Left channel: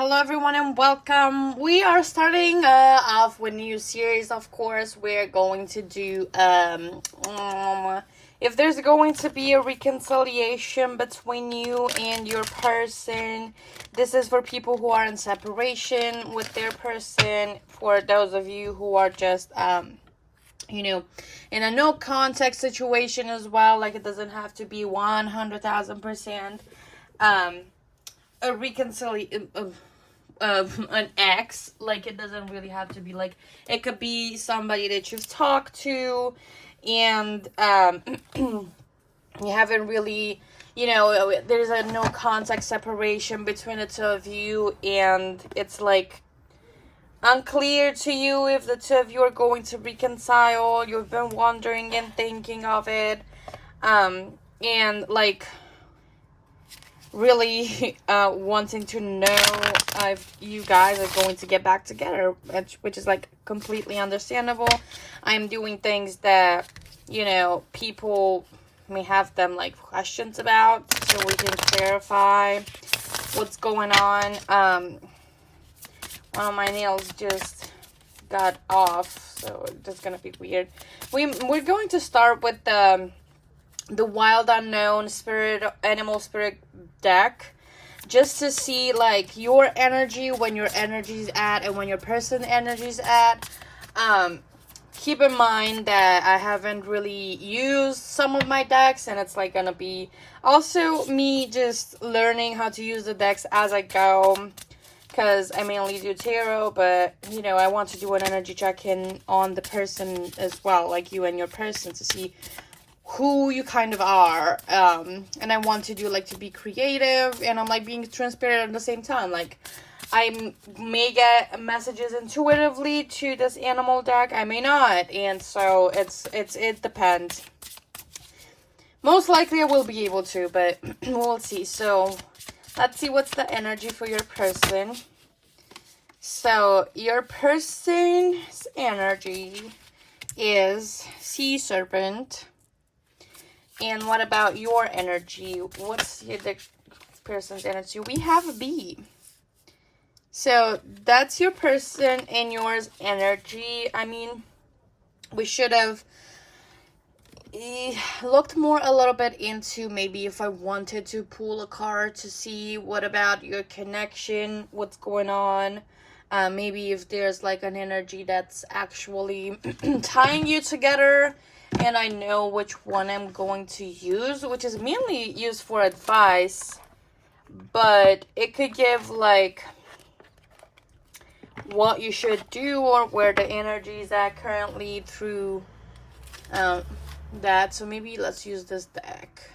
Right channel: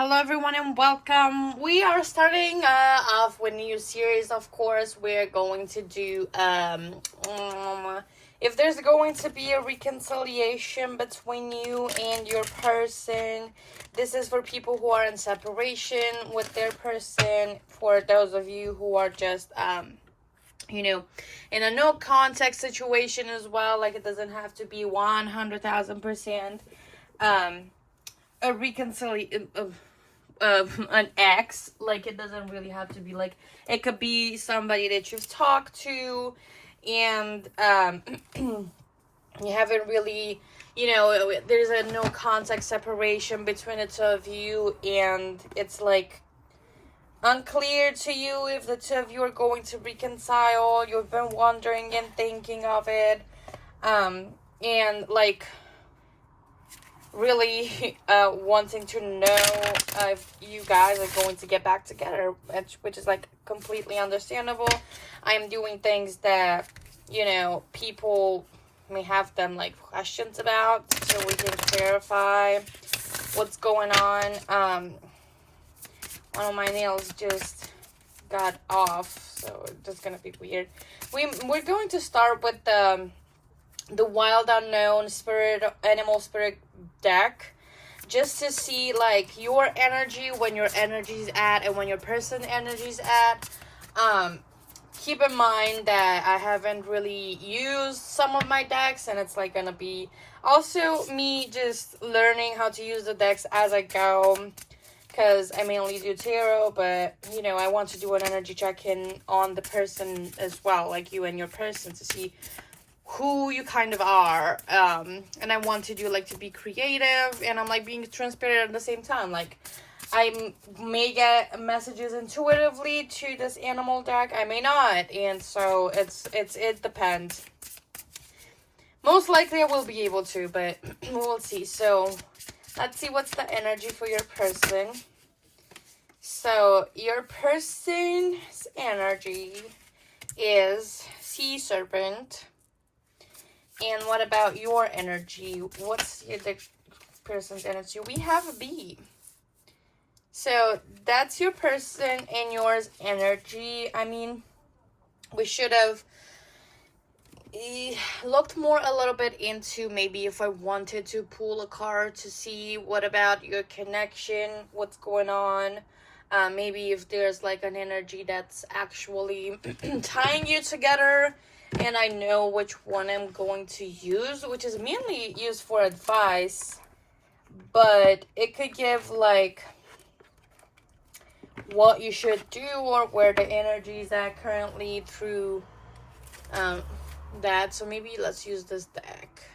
Hello everyone and welcome. We are starting off with a new series. Of course, we're going to do if there's going to be a reconciliation between you and your person. This is for people who are in separation with their person. For those of you who are just in a no contact situation as well. Like, it doesn't have to be 100,000% a reconciliation an ex. Like, it doesn't really have to be like, it could be somebody that you've talked to and you haven't really, there's a no contact separation between the two of you, and it's like unclear to you if the two of you are going to reconcile. You've been wondering and thinking of it, and like really wanting to know if you guys are going to get back together, which is like completely understandable. I'm doing things that people may have them like questions about, so we can clarify what's going on. One of my nails just got off, so it's just gonna be weird. We're going to start with the Wild Unknown Animal Spirit deck, just to see like your energy, when your energy's at and when your person energy's at. Keep in mind that I haven't really used some of my decks, and it's like gonna be also me just learning how to use the decks as I go, because I mainly do tarot, but I want to do an energy check-in on the person as well, like you and your person, to see who you kind of are. And I want to do like to be creative, and I'm like being transparent at the same time. Like, I may get messages intuitively to this animal deck, I may not, and so it depends. Most likely I will be able to, but we'll see. So let's see what's the energy for your person. So your person's energy is Sea Serpent. And what about your energy? What's the person's energy? We have a bee. So that's your person and yours energy. I mean, we should have looked more a little bit into maybe if I wanted to pull a card to see what about your connection, what's going on. Maybe if there's like an energy that's actually tying you together. And I know which one I'm going to use, which is mainly used for advice, but it could give like what you should do or where the energy is at currently through that. So maybe let's use this deck.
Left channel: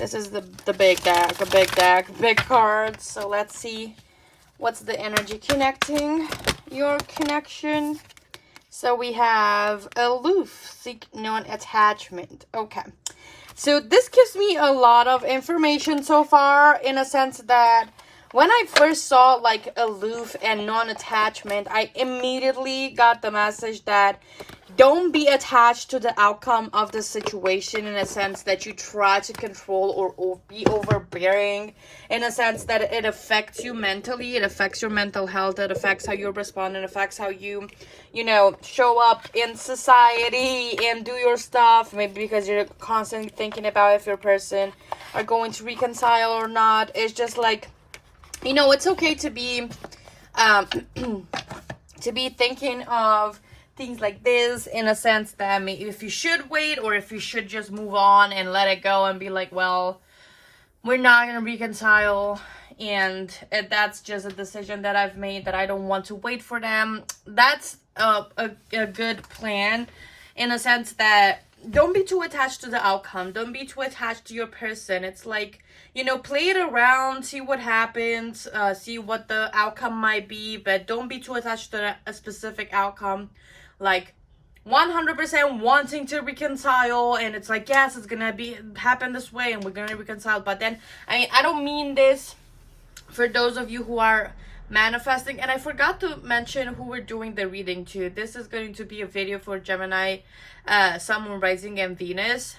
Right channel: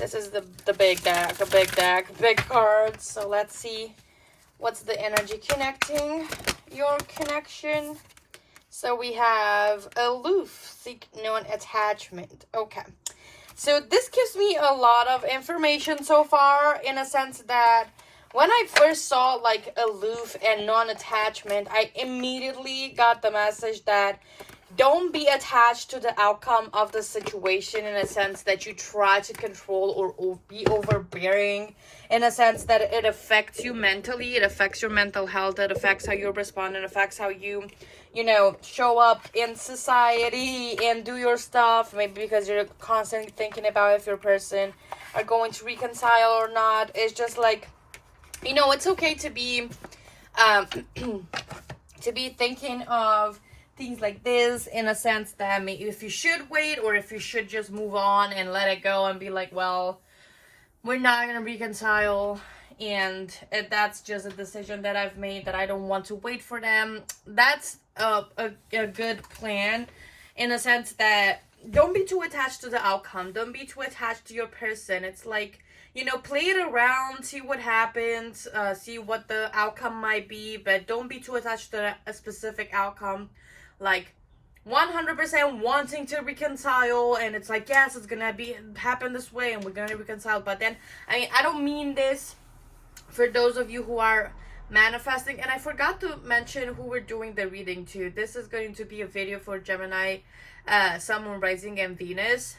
This is the big deck, big cards. So let's see what's the energy connecting your connection. So we have aloof, seek non-attachment. Okay. So this gives me a lot of information so far, in a sense that when I first saw like aloof and non-attachment, I immediately got the message that don't be attached to the outcome of the situation, in a sense that you try to control or be overbearing, in a sense that it affects you mentally, it affects your mental health, it affects how you respond, it affects how you show up in society and do your stuff, maybe because you're constantly thinking about if your person are going to reconcile or not. It's just like, it's okay to be to be thinking of things like this, in a sense that maybe if you should wait or if you should just move on and let it go and be like, well, we're not going to reconcile, and that's just a decision that I've made that I don't want to wait for them. That's a good plan, in a sense that don't be too attached to the outcome. Don't be too attached to your person. It's like, play it around, see what happens, see what the outcome might be, but don't be too attached to a specific outcome. Like 100% wanting to reconcile, and it's like, yes, it's gonna happen this way and we're gonna reconcile. But then I don't mean this for those of you who are manifesting. And I forgot to mention who we're doing the reading to. This is going to be a video for Gemini, Sun, Moon, Rising, and Venus.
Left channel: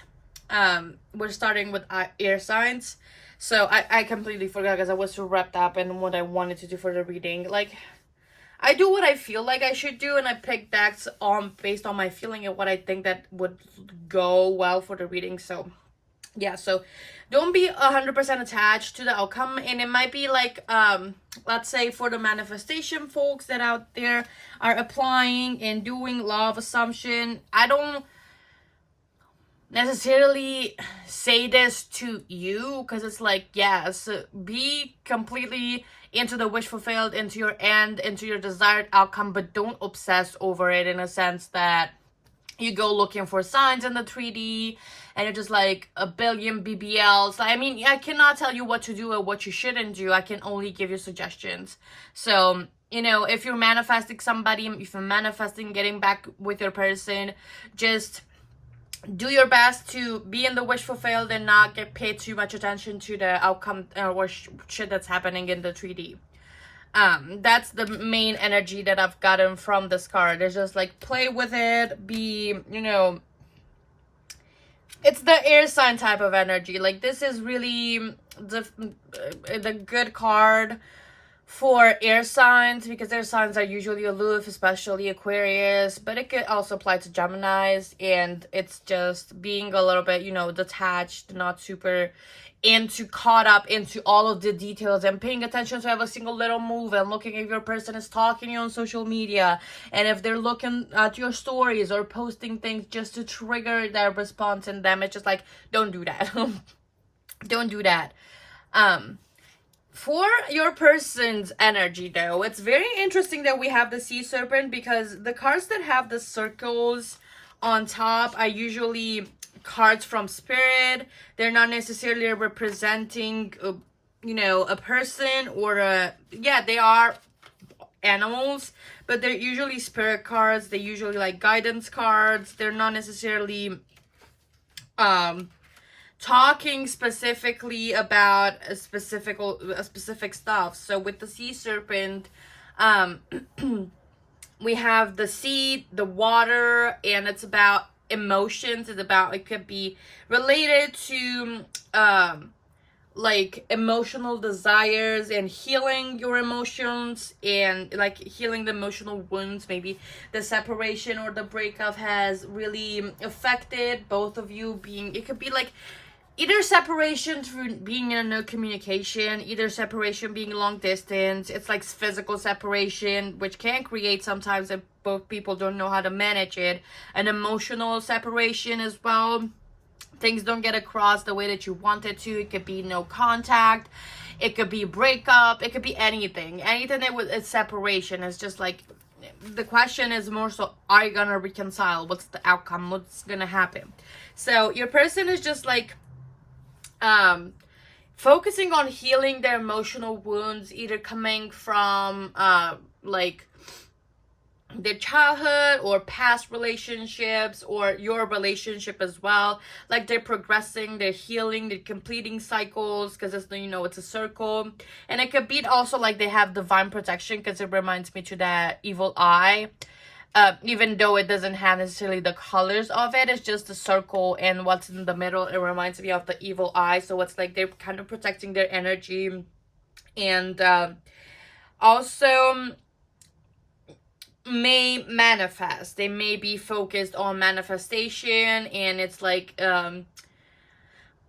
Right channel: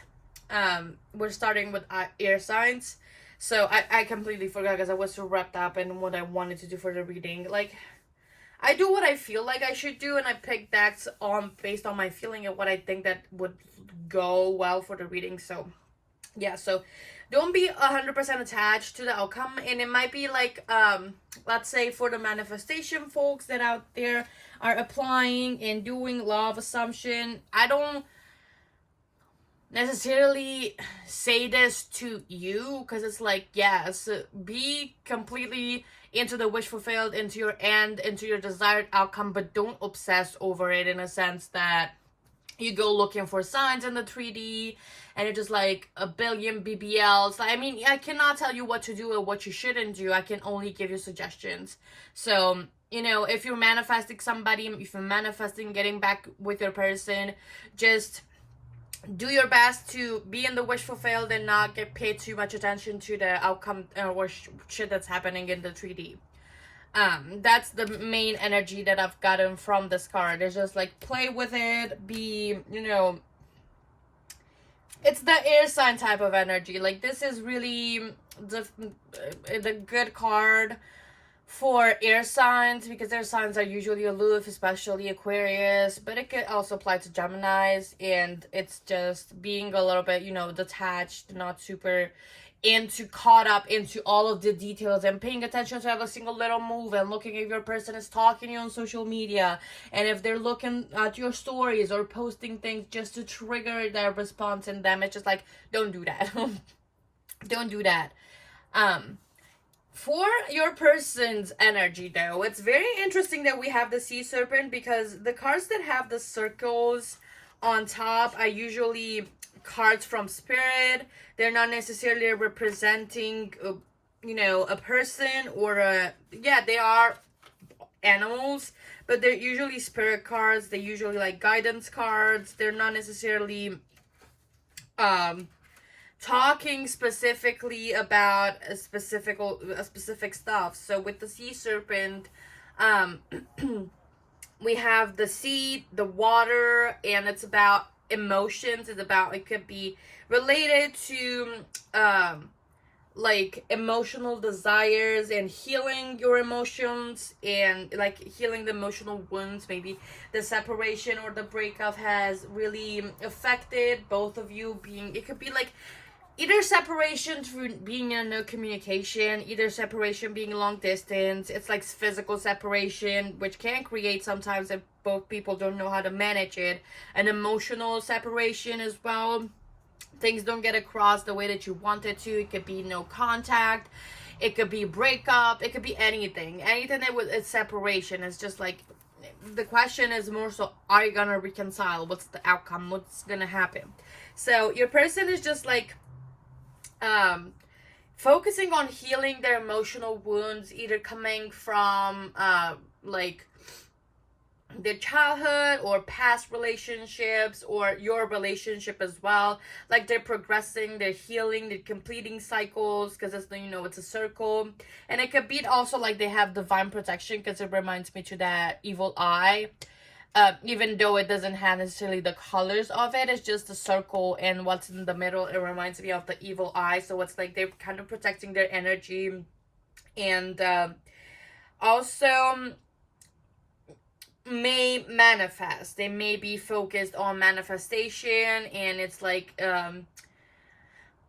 We're starting with air signs. So I completely forgot because I was so wrapped up in what I wanted to do for the reading. Like, I do what I feel like I should do, and I pick decks on based on my feeling and what I think that would go well for the reading. So yeah, so don't be 100% attached to the outcome. And it might be like, let's say for the manifestation folks that out there are applying and doing law of assumption, I don't necessarily say this to you, because it's like, yes, be completely into the wish fulfilled, into your end, into your desired outcome, but don't obsess over it in a sense that you go looking for signs in the 3D and you're just like a billion BBLs. I mean, I cannot tell you what to do or what you shouldn't do. I can only give you suggestions. So, you know, if you're manifesting somebody, if you're manifesting getting back with your person, just do your best to be in the wish fulfilled and not get paid too much attention to the outcome or shit that's happening in the 3D. That's the main energy that I've gotten from this card. It's just like, play with it, be, you know, it's the air sign type of energy. Like, this is really the good card for air signs, because air signs are usually aloof, especially Aquarius, but it could also apply to Geminis, and it's just being a little bit, you know, detached, not super caught up into all of the details, and paying attention to every single little move, and looking if your person is talking to you on social media, and if they're looking at your stories or posting things just to trigger their response in them. It's just like, don't do that. Don't do that. For your person's energy, though, it's very interesting that we have the sea serpent, because the cards that have the circles on top are usually cards from spirit. They're not necessarily representing you know, a person or they are animals, but they're usually spirit cards. They're usually like guidance cards. They're not necessarily talking specifically about a specific stuff. So with the sea serpent, we have the sea, the water, and it's about emotions. It's about, it could be related to like emotional desires and healing your emotions, and like healing the emotional wounds. Maybe the separation or the breakup has really affected both of you. It could be like either separation through being in a no communication, either separation being long distance. It's like physical separation, which can create sometimes if both people don't know how to manage it. An emotional separation as well. Things don't get across the way that you want it to. It could be no contact. It could be breakup. It could be anything. Anything that with it's separation. It's just like, the question is more so, are you gonna reconcile? What's the outcome? What's gonna happen? So your person is just like focusing on healing their emotional wounds, either coming from like their childhood or past relationships, or your relationship as well. Like, they're progressing, they're healing, they're completing cycles, because it's, you know, it's a circle. And it could be also like they have divine protection, because it reminds me to that evil eye. Even though it doesn't have necessarily the colors of it, it's just a circle, and what's in the middle, it reminds me of the evil eye. So it's like they're kind of protecting their energy. And also may manifest. They may be focused on manifestation, and it's like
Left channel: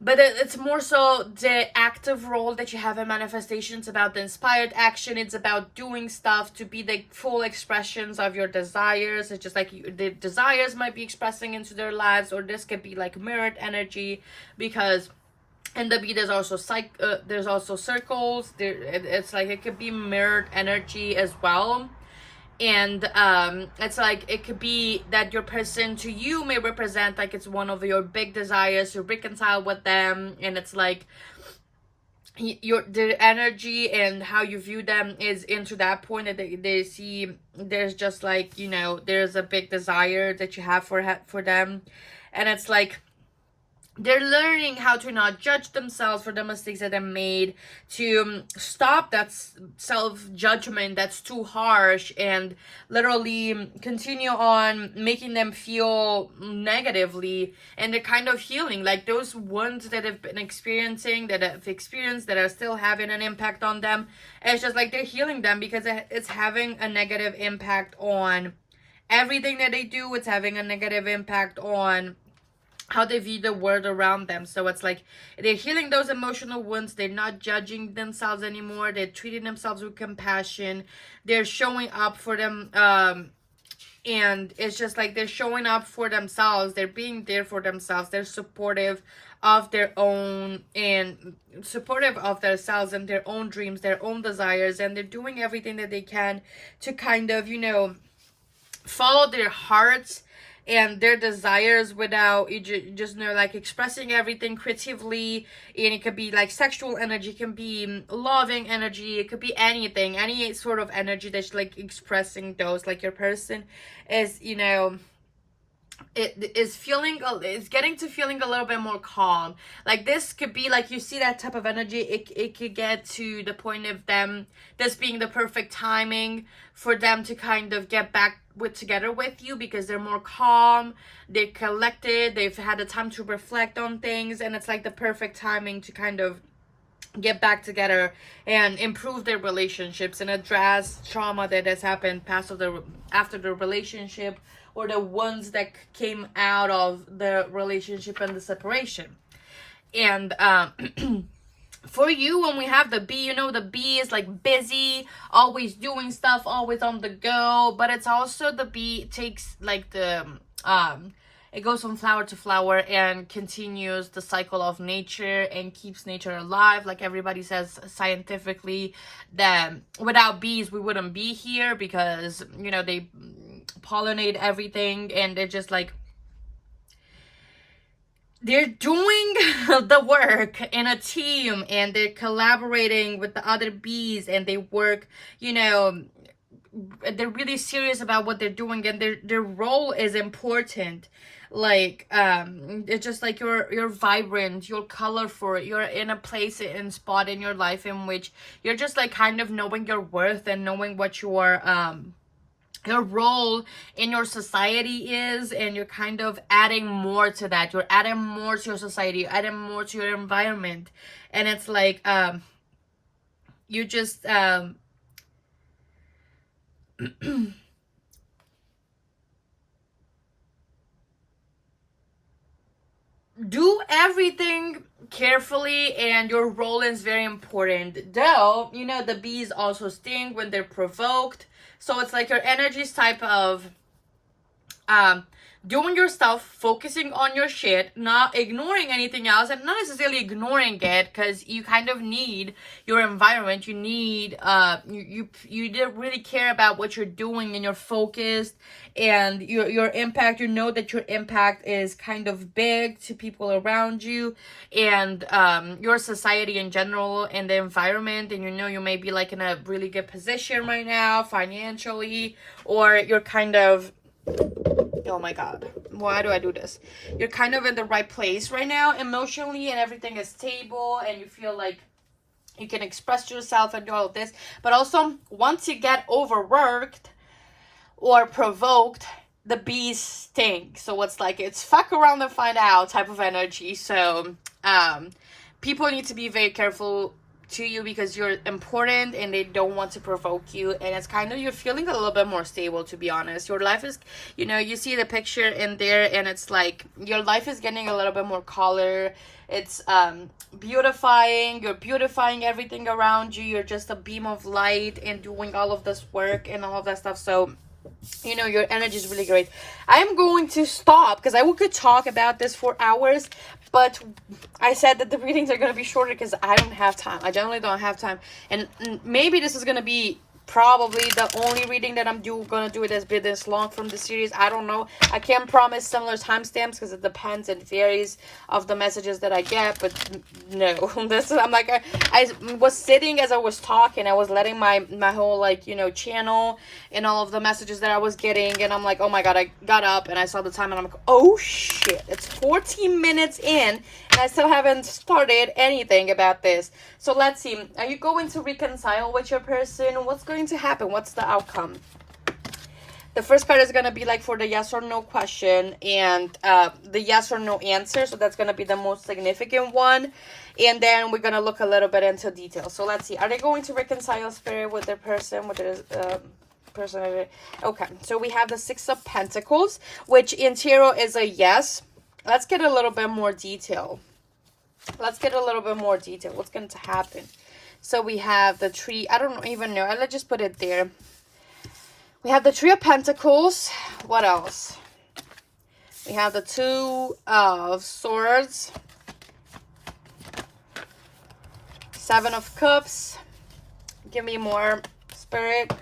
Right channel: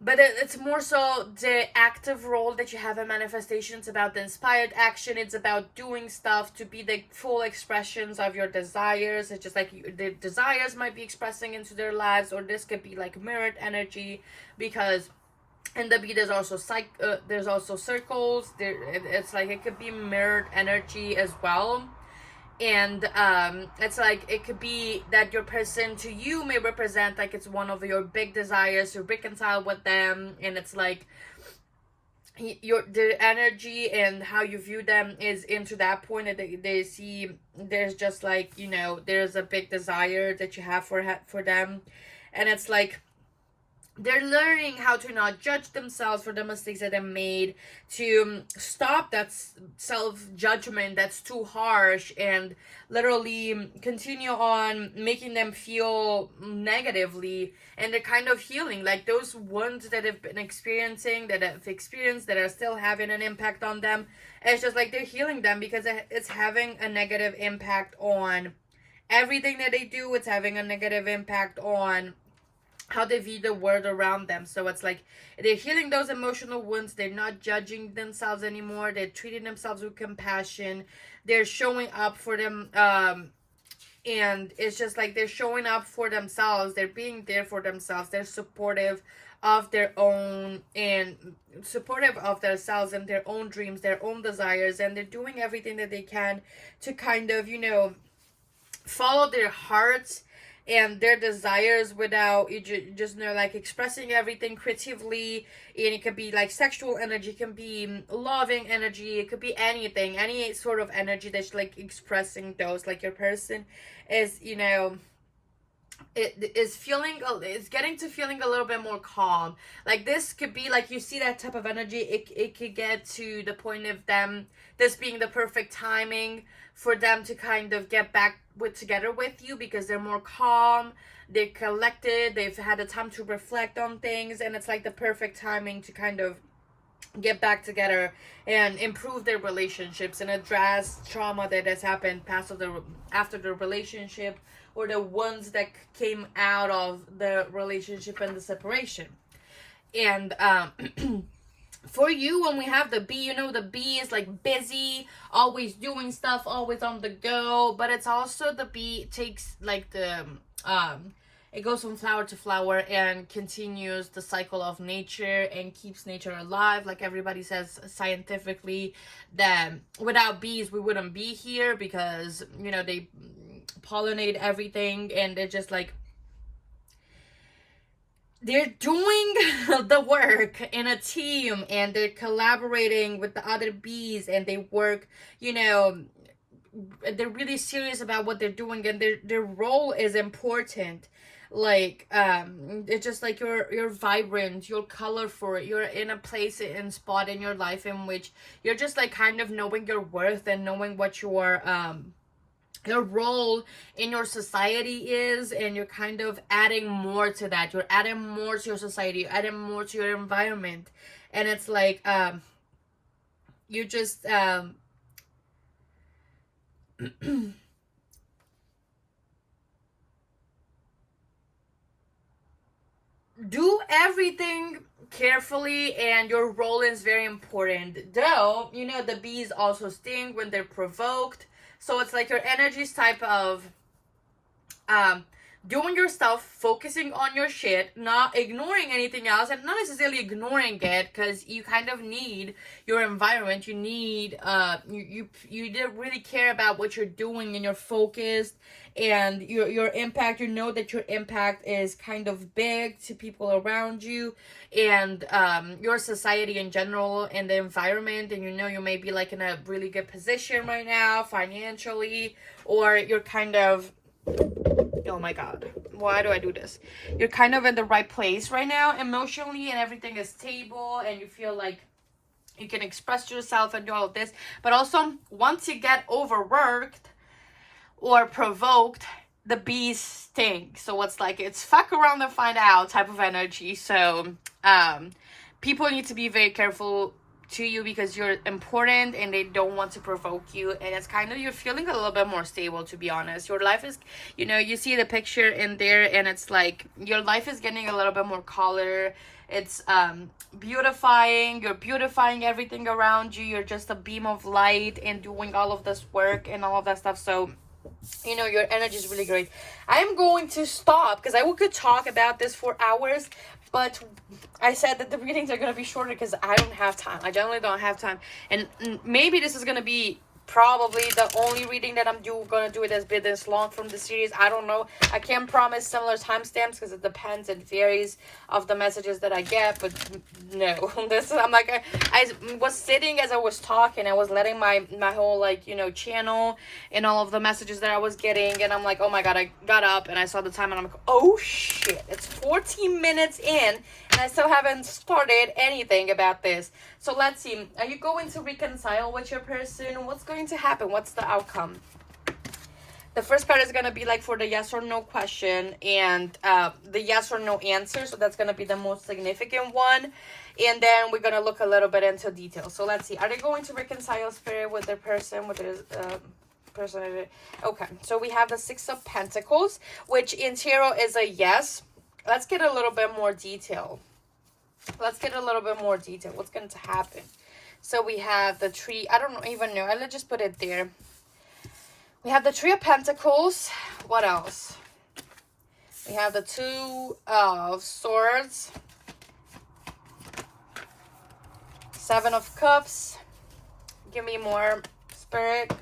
but it's more so the active role that you have in manifestation. It's about the inspired action. It's about doing stuff to be the full expressions of your desires. It's just like the desires might be expressing into their lives, or this could be like mirrored energy, because in the B there's also circles. It's like it could be mirrored energy as well. And it's like it could be that your person to you may represent like it's one of your big desires to reconcile with them, and it's like the energy and how you view them is into that point that they see there's just like, you know, there's a big desire that you have for them. And it's like they're learning how to not judge themselves for the mistakes that they made, to stop that self-judgment that's too harsh, and literally continue on making them feel negatively. And they're kind of healing, like those ones that have been experiencing, that have experienced, that are still having an impact on them. It's just like they're healing them, because it's having a negative impact on everything that they do. It's having a negative impact on how they view the world around them. So it's like they're healing those emotional wounds. They're not judging themselves anymore. They're treating themselves with compassion. They're showing up for them, and it's just like they're showing up for themselves. They're being there for themselves. They're supportive of their own, and supportive of themselves and their own dreams, their own desires, and they're doing everything that they can to kind of, you know, follow their hearts and their desires without just, you know, like expressing everything creatively. And it could be like sexual energy, it can be loving energy, it could be anything, any sort of energy that's like expressing those. Like your person is, you know, it is feeling, it's getting to feeling a little bit more calm. Like this could be like, you see that type of energy, it could get to the point of them, this being the perfect timing for them to kind of get back together with you, because they're more calm, they're collected, they've had the time to reflect on things, and it's like the perfect timing to kind of get back together and improve their relationships and address trauma that has happened after the relationship, or the ones that came out of the relationship and the separation. And for you, when we have the bee, you know, the bee is like busy, always doing stuff, always on the go. But it's also, the bee takes like the it goes from flower to flower and continues the cycle of nature and keeps nature alive. Like everybody says scientifically that without bees we wouldn't be here, because, you know, they pollinate everything, and they're just like, they're doing the work in a team, and they're collaborating with the other bees, and they work, you know, they're really serious about what they're doing, and their role is important. Like it's just like you're vibrant, you're colorful, you're in a place and spot in your life in which you're just like kind of knowing your worth and knowing what your role in your society is, and you're kind of adding more to that. You're adding more to your society, you're adding more to your environment. And it's like you just do everything carefully, and your role is very important. Though, you know, the bees also sting when they're provoked. So it's like your energy's type of doing your stuff, focusing on your shit, not ignoring anything else, and not necessarily ignoring it, because you kind of need your environment. You need you really care about what you're doing, and you're focused, and your impact, you know that your impact is kind of big to people around you, and your society in general, and the environment. And you know, you may be like in a really good position right now financially, or you're kind of, oh my god, why do I do this? You're kind of in the right place right now emotionally, and everything is stable, and you feel like you can express yourself and do all of this. But also, once you get overworked or provoked, the bees sting. So it's like, it's fuck around and find out type of energy. So people need to be very careful to you, because you're important, and they don't want to provoke you. And it's kind of, you're feeling a little bit more stable, to be honest. Your life is, you know, you see the picture in there, and it's like your life is getting a little bit more color. It's beautifying, you're beautifying everything around you. You're just a beam of light and doing all of this work and all of that stuff. So, you know, your energy is really great. I'm going to stop, because I could talk about this for hours, but I said that the readings are going to be shorter because I don't have time. I generally don't have time. And maybe this is going to be probably the only reading that I'm gonna do it has been this long from the series. I don't know. I can't promise similar timestamps because it depends and varies of the messages that I get. But no, this is, I'm like, I was sitting as I was talking. I was letting my whole, like, you know, channel and all of the messages that I was getting, and I'm like, oh my god, I got up and I saw the time and I'm like, oh shit, it's 14 minutes in and I still haven't started anything about this. So let's see. Are you going to reconcile with your person? What's going to happen? What's the outcome? The first card is going to be like for the yes or no question and the yes or no answer. So that's going to be the most significant one. And then we're going to look a little bit into detail. So let's see. Are they going to reconcile, Spirit, with their person, with their person? Okay. So we have the Six of Pentacles, which in tarot is a yes. Let's get a little bit more detail. Let's get a little bit more detail. What's going to happen? So we have the tree. I don't even know. Let's just put it there. We have the Three of Pentacles. What else? We have the Two of Swords. Seven of Cups. Give me more, Spirit.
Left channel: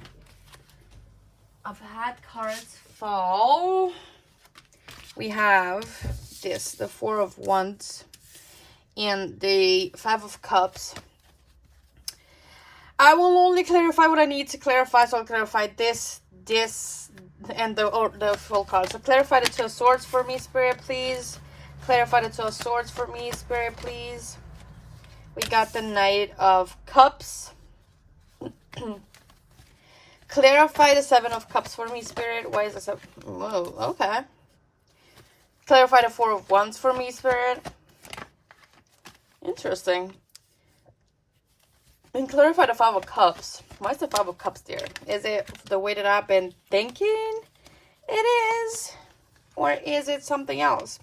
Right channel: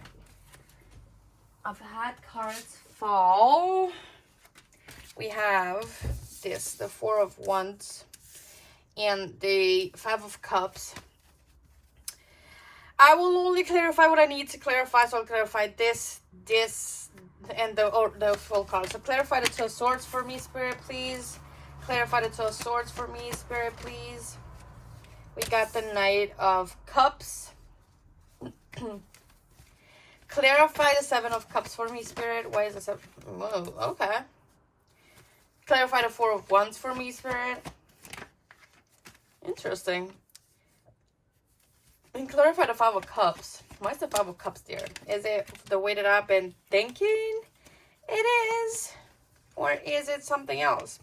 I've had cards fall. We have this, the Four of Wands. And the Five of Cups. I will only clarify what I need to clarify. So I'll clarify this, and the full card. So clarify the Two of Swords for me, Spirit, please. Clarify the Two of Swords for me, Spirit, please. We got the Knight of Cups. Clarify the Seven of Cups for me, Spirit. Why is the seven? Oh, okay. Clarify the Four of Wands for me, Spirit. Interesting. And clarify the Five of Cups. Why is the Five of Cups there? Is it the way that I've been thinking it is? Or is it something else?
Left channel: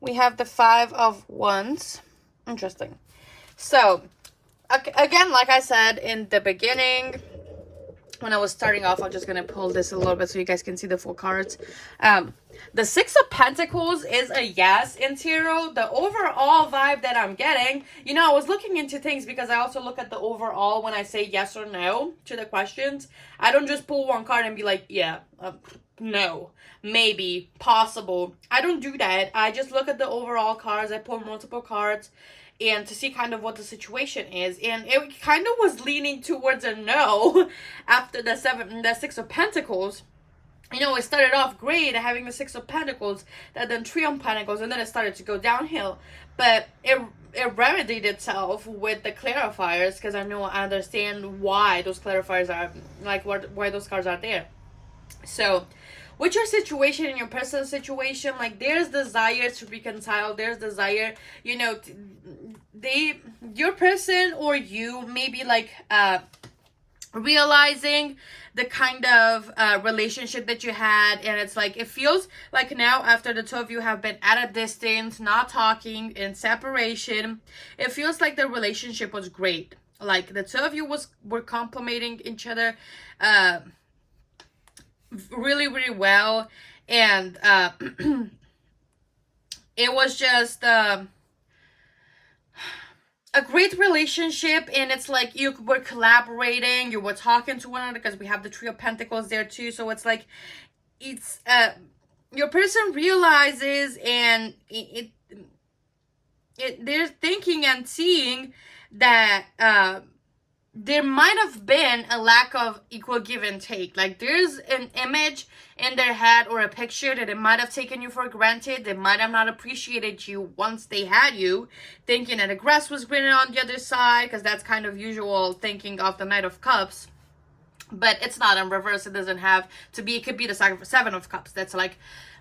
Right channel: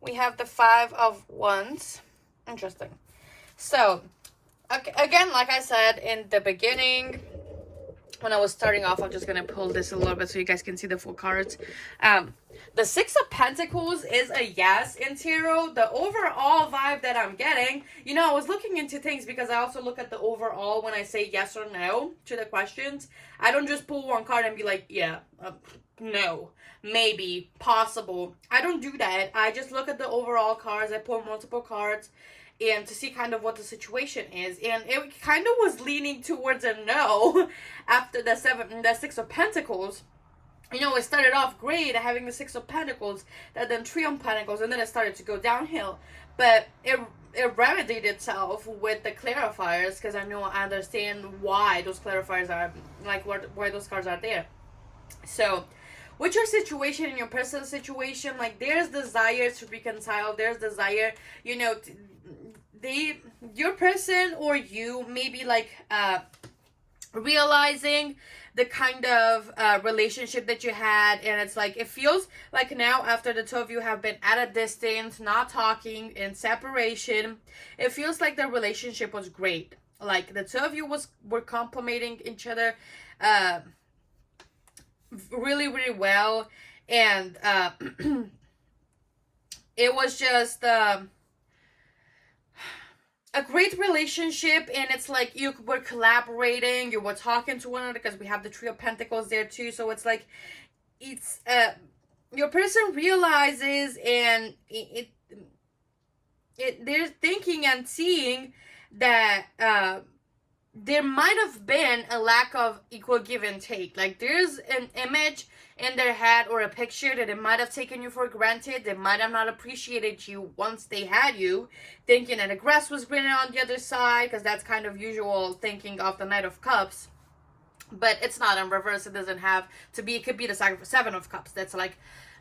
We have the Five of Wands. Interesting. So, again, like I said in the beginning, when I was starting off, I'm just going to pull this a little bit so you guys can see the full cards. The Six of Pentacles is a yes in tarot. The overall vibe that I'm getting, you know, I was looking into things because I also look at the overall when I say yes or no to the questions. I don't just pull one card and be like, yeah, no, maybe, possible. I don't do that. I just look at the overall cards. I pull multiple cards and to see kind of what the situation is. And it kind of was leaning towards a no after the Six of Pentacles. You know, it started off great having the Six of Pentacles, then Three of Pentacles, and then it started to go downhill. But it remedied itself with the clarifiers, because I understand why those clarifiers are, like, why those cards are there. So, with your situation and your personal situation, like, there's desire to reconcile, there's desire, you know, your person or you maybe, like, realizing the kind of relationship that you had, and it's like, it feels like now after the two of you have been at a distance, not talking, in separation, it feels like the relationship was great. Like the two of you were complimenting each other really, really well, and it was just a great relationship, and it's like you were collaborating, you were talking to one another, because we have the Three of Pentacles there too. So it's like, it's your person realizes, and they're thinking and seeing that there might have been a lack of equal give and take. Like, there's an image in their head or a picture that they might have taken you for granted. They might have not appreciated you once they had you, thinking that the grass was greener on the other side, because that's kind of usual thinking of the Knight of Cups. But it's not in reverse. It doesn't have to be. It could be the Seven of Cups. That's like,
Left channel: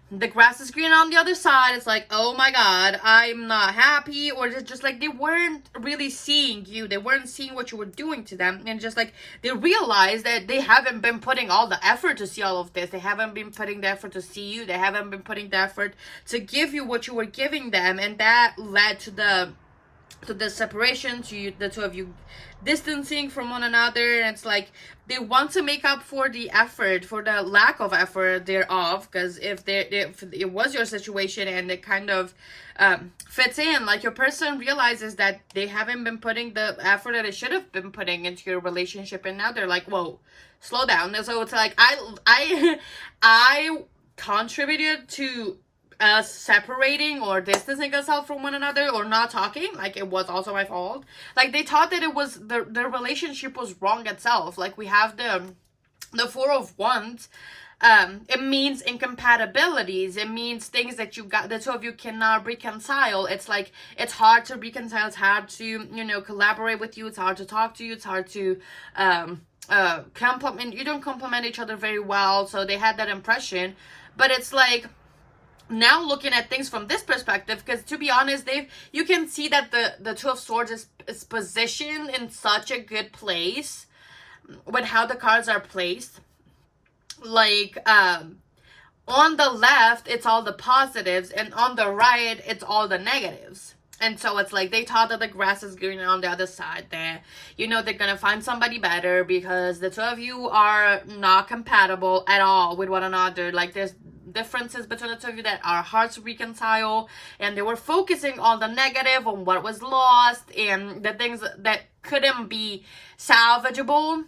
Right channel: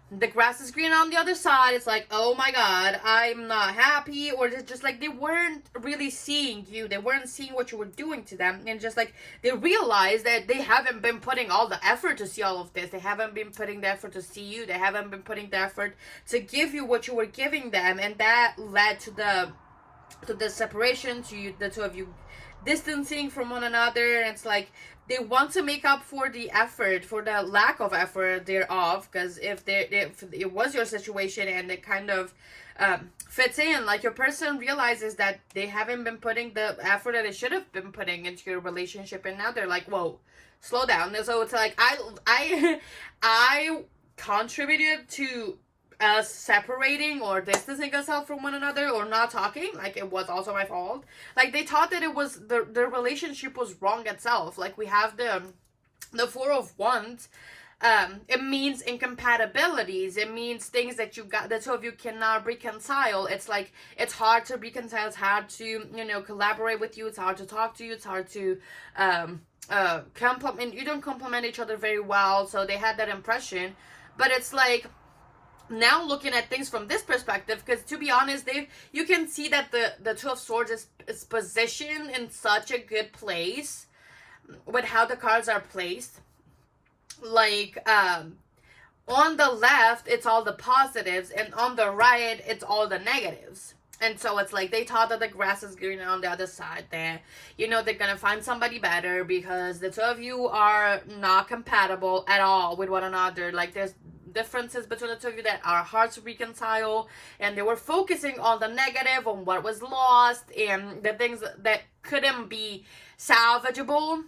the grass is green on the other side. It's like, oh my god, I'm not happy. Or it's just like, they weren't really seeing you. They weren't seeing what you were doing to them. And just like, they realized that they haven't been putting all the effort to see all of this. They haven't been putting the effort to see you. They haven't been putting the effort to give you what you were giving them. And that led to the to the separation, to you, the two of you distancing from one another. And it's like they want to make up for the effort, for the lack of effort thereof, because if it was your situation and it kind of fits in, like your person realizes that they haven't been putting the effort that it should have been putting into your relationship, and now they're like, whoa, slow down. And so it's like I contributed to us separating or distancing ourselves from one another or not talking. Like, it was also my fault. Like, they thought that it was the relationship was wrong itself. Like, we have the Four of Wands. It means incompatibilities. It means things that the two of you cannot reconcile. It's like, it's hard to reconcile. It's hard to, you know, collaborate with you. It's hard to talk to you. It's hard to compliment. You don't compliment each other very well. So they had that impression. But it's like, now looking at things from this perspective, because to be honest, you can see that the Two of Swords is positioned in such a good place with how the cards are placed. Like, on the left, it's all the positives, and on the right, it's all the negatives. And so it's like they thought that the grass is greener on the other side, that, you know, they're gonna find somebody better because the two of you are not compatible at all with one another. Like, there's differences between the two of you that are hard to reconcile, and they were focusing on the negative, on what was lost, and the things that couldn't be salvageable,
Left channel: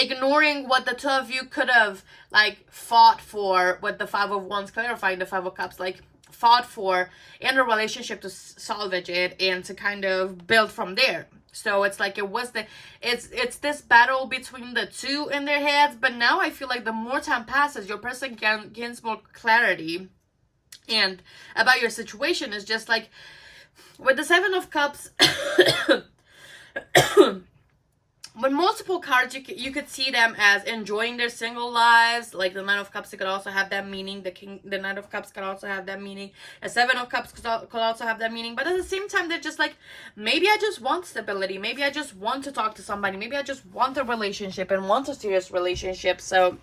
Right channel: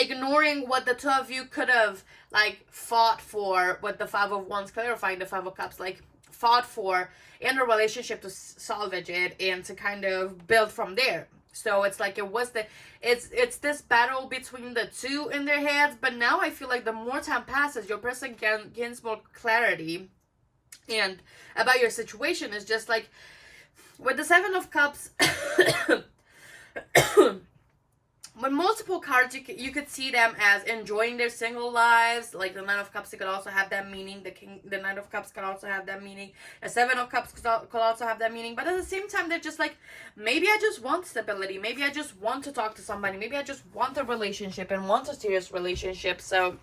ignoring what the two of you could have, like, fought for, with the Five of Wands clarifying the Five of Cups, like, fought for in a relationship to salvage it and to kind of build from there. So it's like it's this battle between the two in their heads. But now I feel like the more time passes, your person gains more clarity and about your situation. Is just like with the Seven of Cups. With multiple cards, you could see them as enjoying their single lives. Like the Nine of Cups, it could also have that meaning. The Knight of Cups could also have that meaning. The Seven of Cups could also have that meaning. But at the same time, they're just like, maybe I just want stability. Maybe I just want to talk to somebody. Maybe I just want a relationship and want a serious relationship. So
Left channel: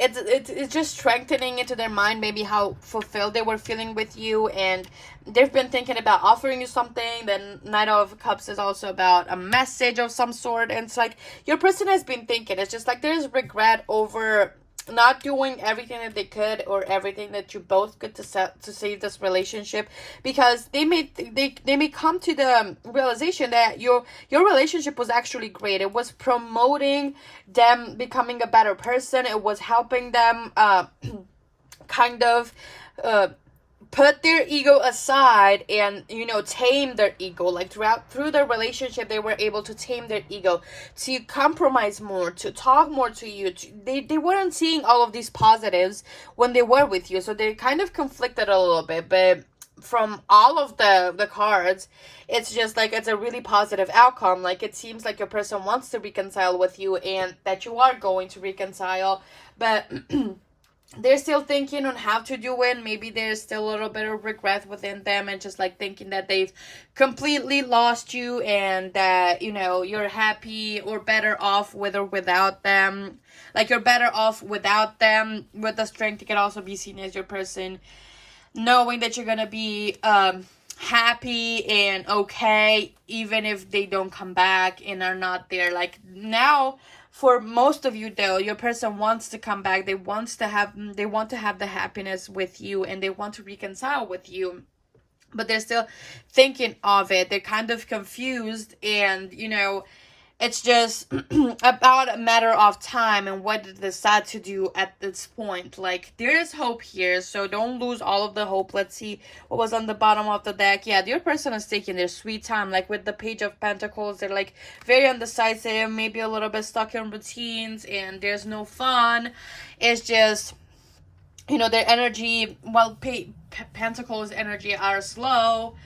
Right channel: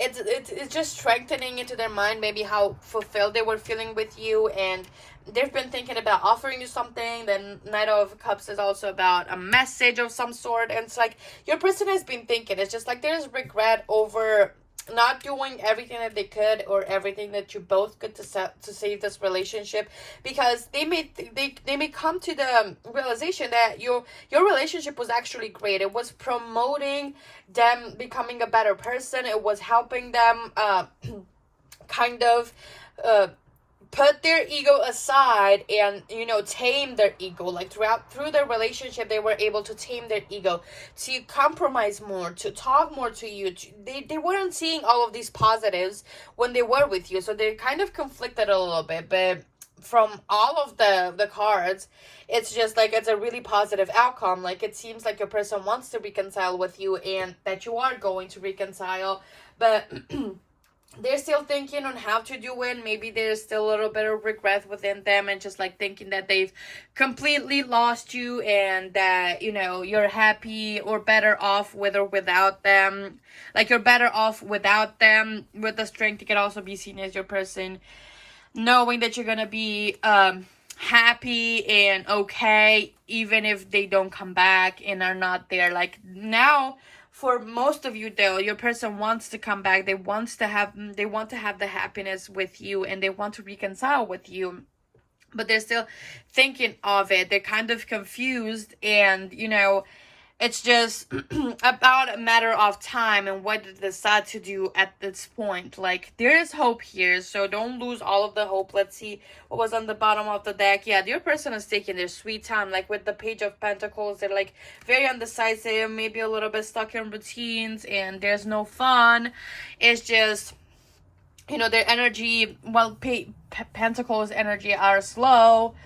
it's just strengthening into their mind maybe how fulfilled they were feeling with you, and they've been thinking about offering you something. Then Knight of Cups is also about a message of some sort, and it's like your person has been thinking. It's just like there's regret over not doing everything that they could, or everything that you both could to save this relationship, because they may come to the realization that your relationship was actually great. It was promoting them becoming a better person. It was helping them kind of put their ego aside and, you know, tame their ego. Like through their relationship, they were able to tame their ego, to compromise more, to talk more to you. They weren't seeing all of these positives when they were with you, so they kind of conflicted a little bit. But from all of the cards, it's just like it's a really positive outcome. Like, it seems like your person wants to reconcile with you, and that you are going to reconcile, but they're still thinking on how to do it. Maybe there's still a little bit of regret within them, and just like thinking that they've completely lost you, and that, you know, you're happy or better off with or without them. Like, you're better off without them. With the strength, it can also be seen as your person knowing that you're gonna be happy and okay even if they don't come back and are not there. Like, now, for most of you though, your person wants to come back. They want to have the happiness with you, and they want to reconcile with you, but they're still thinking of it. They're kind of confused, and, you know, it's just about a matter of time and what they decide to do at this point. Like, there is hope here, so don't lose all of the hope. Let's see what was on the bottom of the deck. Yeah, your person is taking their sweet time. Like, with the Page of Pentacles, they're like very undecisive, maybe a little bit stuck in routines, and there's no fun. It's just, you know, their energy, while Pentacles energy are slow,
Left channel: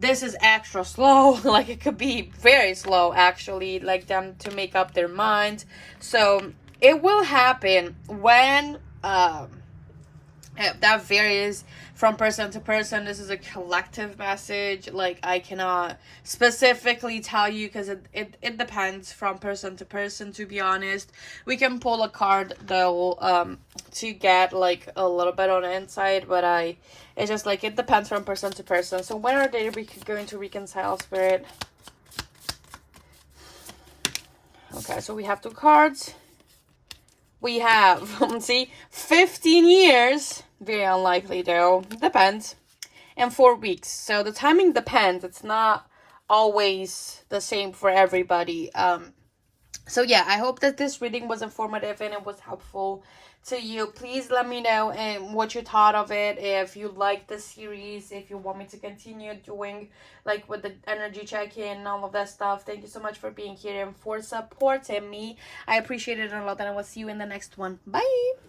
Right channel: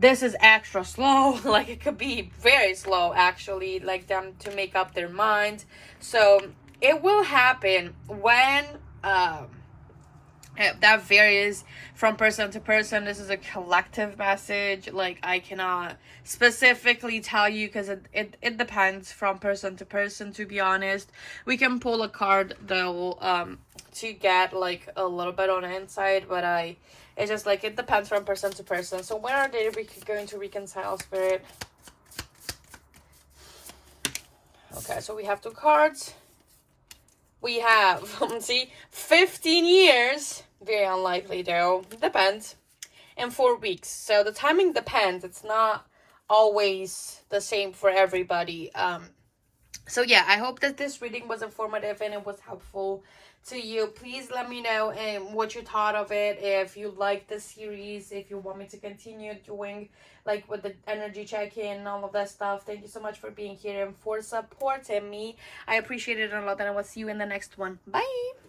this is extra slow. Like, it could be very slow, actually, like them to make up their mind. So it will happen when that varies from person to person. This is a collective message. Like, I cannot specifically tell you, because it depends from person to person, to be honest. We can pull a card though to get like a little bit on the inside, but It's just like it depends from person to person. So when are they going to reconcile, Spirit? Okay, so we have 2 cards. We have, see, 15 years. Very unlikely though. Depends. And 4 weeks. So the timing depends. It's not always the same for everybody. So yeah, I hope that this reading was informative and it was helpful to you. Please let me know what you thought of it. If you like the series, if you want me to continue doing like with the energy check-in and all of that stuff. Thank you so much for being here and for supporting me. I appreciate it a lot, and I will see you in the next one. Bye.